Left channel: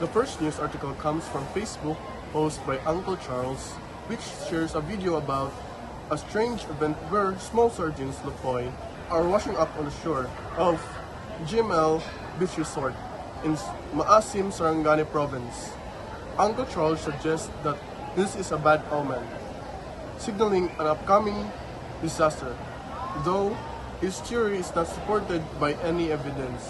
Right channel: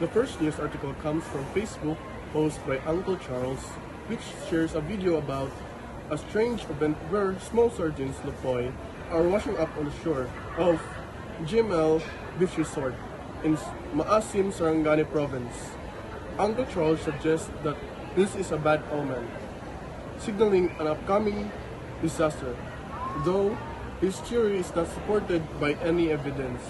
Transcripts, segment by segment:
The first news article comes from Facebook, posted by Uncle Charles, which shares a video about a strange event where small sardines Lupoy are washing up on the shore of GML Beach Resort in Maasim, Sarangani Province. Uncle Charles suggests that this is a bad omen, signaling an upcoming disaster, though his theory is not supported by any evidence.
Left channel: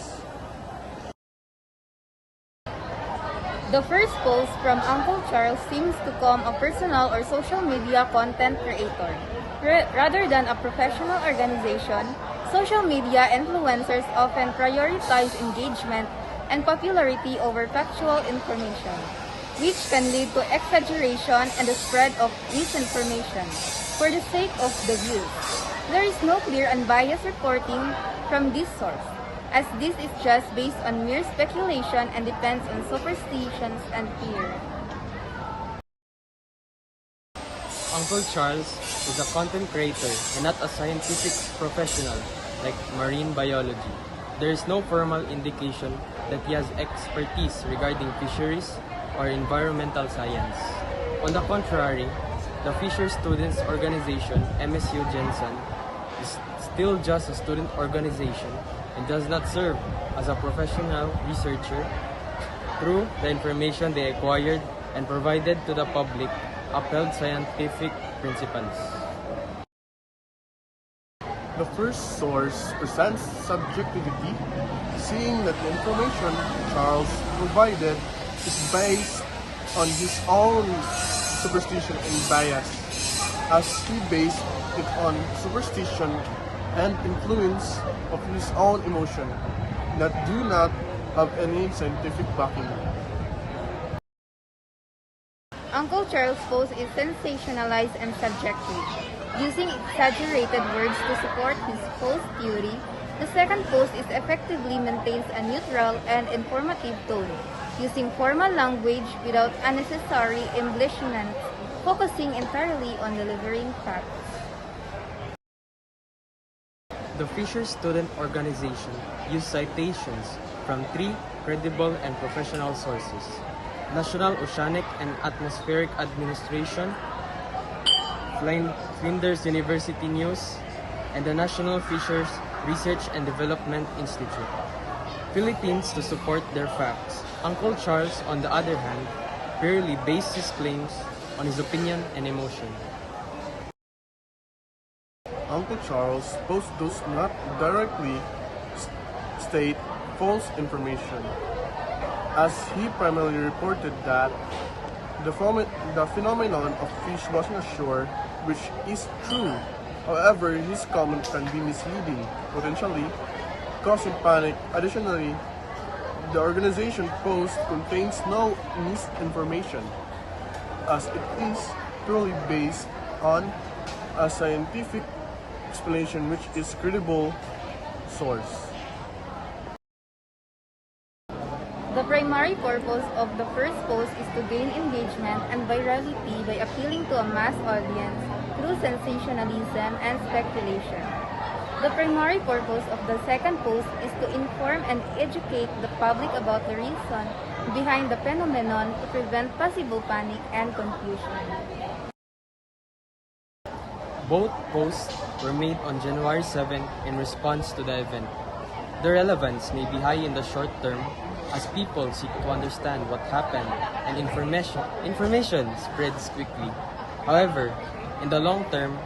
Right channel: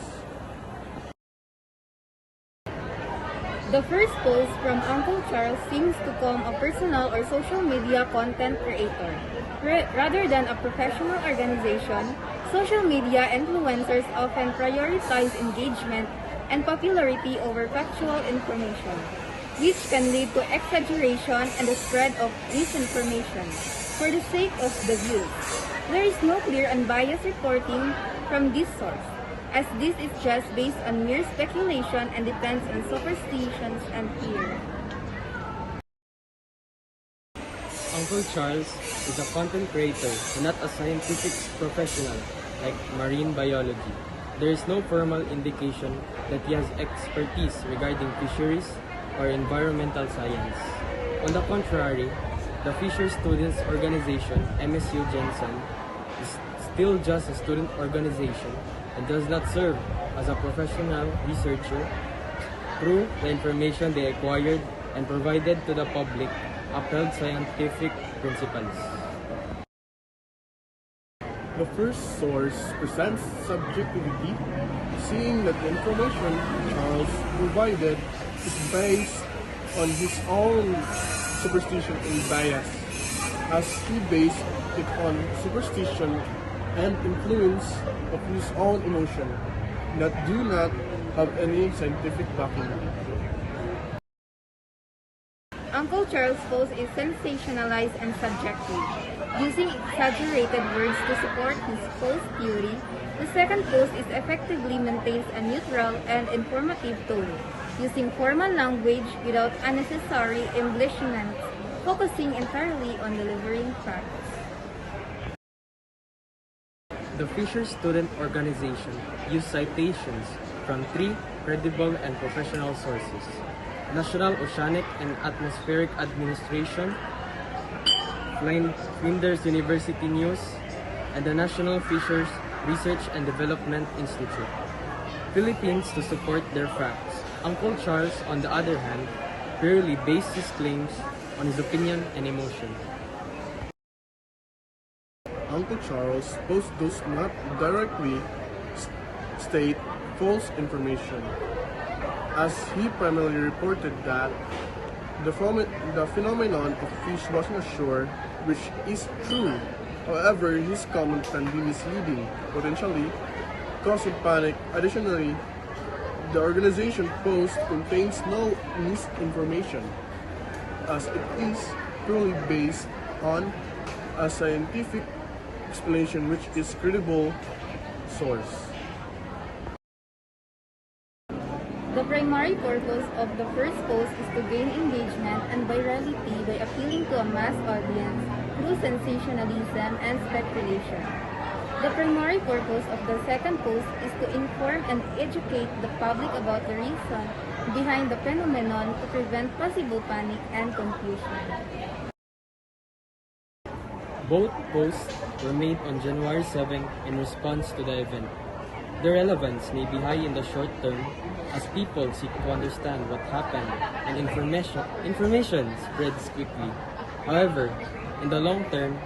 The first post from Uncle Charles seems to come a personal or social media content creator. Rather than a professional organization, social media influencers often prioritize engagement and popularity over factual information, which can lead to exaggeration and the spread of misinformation for the sake of the views. There is no clear unbiased reporting from this source, as this is just based on mere speculation and depends on superstitions and fear. Uncle Charles is a content creator and not a scientific professional like marine biology. There is no formal indication that he has expertise regarding fisheries or environmental science. On the contrary, the Fisher Students Organization, MSU Jensen, is still just a student organization and does not serve as a professional researcher. Through the information they acquired and provided to the public, upheld scientific principles. The first source presents subjectivity, seeing that the information Charles provided is based on his own superstition and bias, as he based it on superstition and influence of his own emotion that do not have any scientific backing. Uncle Charles' post is sensationalized and subjective, using exaggerated words to support his false theory. The second post is effectively maintains a neutral and informative tone, using formal language without unnecessary embellishments, focusing entirely on delivering facts. The Fisher Student Organization used citations from 3 credible and professional sources: National Oceanic and Atmospheric Administration, Flinders University News, and the National Fisheries Research and Development Institute, Philippines, to support their facts. Uncle Charles, on the other hand, purely based his claims on his opinion and emotion. Uncle Charles' post does not directly state false information, as he primarily reported that the phenomenon of fish washing ashore, which is true. However, his comment can be misleading, potentially causing panic. Additionally, the organization post contains no misinformation, as it is purely based on a scientific explanation which is credible source. The primary purpose of the first post is to gain engagement and virality by appealing to a mass audience through sensationalism and speculation. The primary purpose of the second post is to inform and educate the public about the reason behind the phenomenon to prevent possible panic and confusion. Both posts were made on January 7 in response to the event. The relevance may be high in the short term as people seek to understand what happened and information spreads quickly. However, in the long term,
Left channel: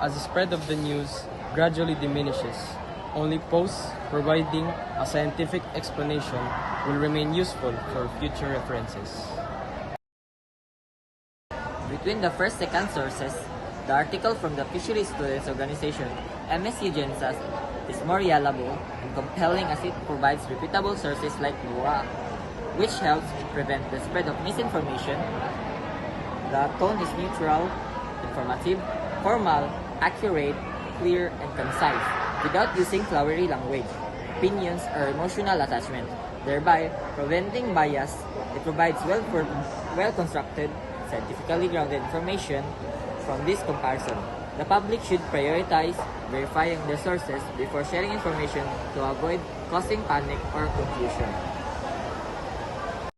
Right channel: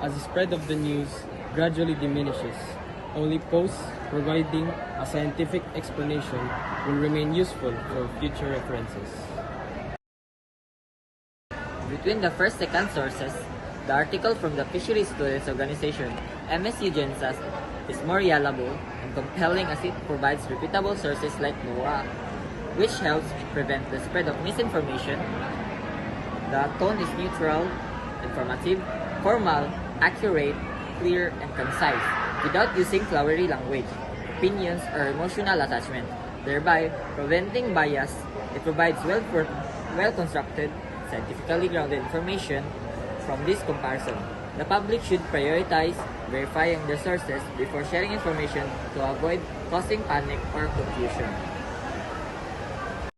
as the spread of the news gradually diminishes, only posts providing a scientific explanation will remain useful for future references. Between the first and second sources, the article from the Fisheries Students Organization, MSU Gensas, is more reliable and compelling as it provides reputable sources like NOAA, which helps prevent the spread of misinformation. The tone is neutral, informative, formal, accurate, clear, and concise, without using flowery language, opinions, or emotional attachment, thereby preventing bias. It provides well-constructed, scientifically grounded information. From this comparison, the public should prioritize verifying their sources before sharing information to avoid causing panic or confusion.